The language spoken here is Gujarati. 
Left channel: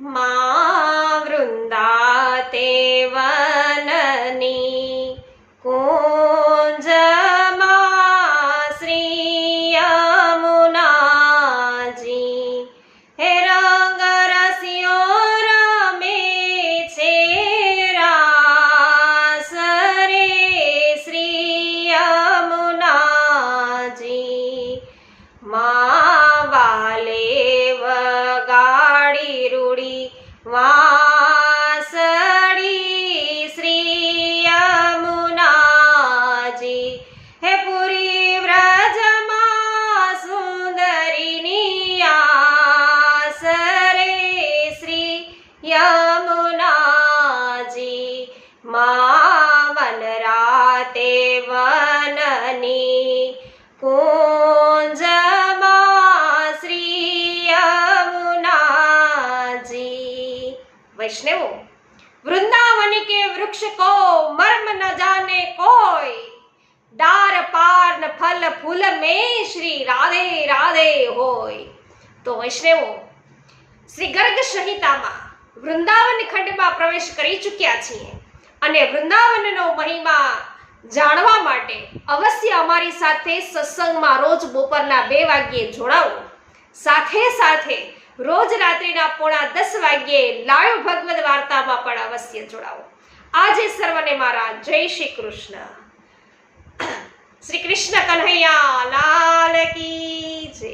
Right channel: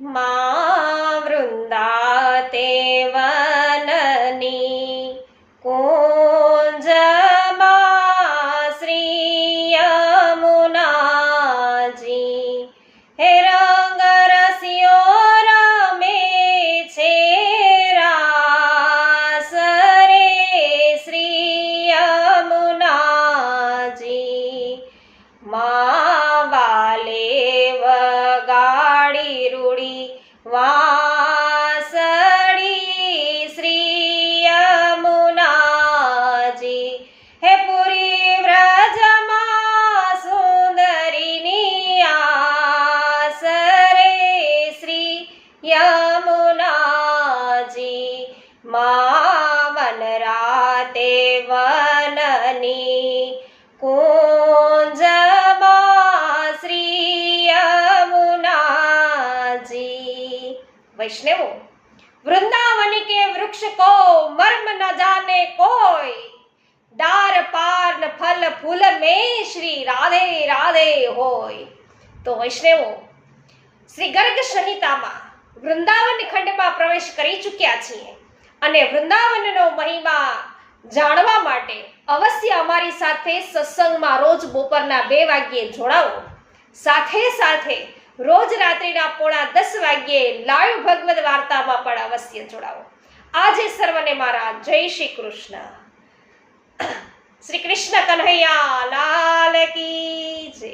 માં વૃંદાતે વનની કુંજમાં શ્રી યમુનાજી હે રંગ રસિયો રમે છે રાસ રે શ્રી યમુનાજી માં વાલે વગાડી રૂડી વાસળી શ્રી યમુનાજી હે પુરી વ્રજમાં સુંદરીની આસ રે શ્રી યમુનાજી માં વનરાતે વનની કુંજમાં શ્રી યમુનાજી। वैष्णवों, वृंदावन के वृक्ष को मर्म न जाने कोई, डार पार न फल फूल में श्री राधे राधे होय। तो वैष्णवों, श्री गर्ग संहिताમાં વૃંદાવન ખંડમાં પ્રવેશ કરી ચૂક્યા છીએ અને વૃંદાવનનો મહિમા જાણવા માટે અવશ્ય અમારી સાથે સત્સંગમાં રોજ બપોરના 2 વાગ્યે જોડાવો। સાથે સાથે રોજ રાત્રિના 9:30 વાગ્યે લાઈવ ભગવદ વાર્તામાં પણ અવશ્ય જોડાવો। આજે સર્વને મારા જય શ્રી કૃષ્ણ। શ્રી કૃષ્ણ કન્હૈયા લાલ કી જય।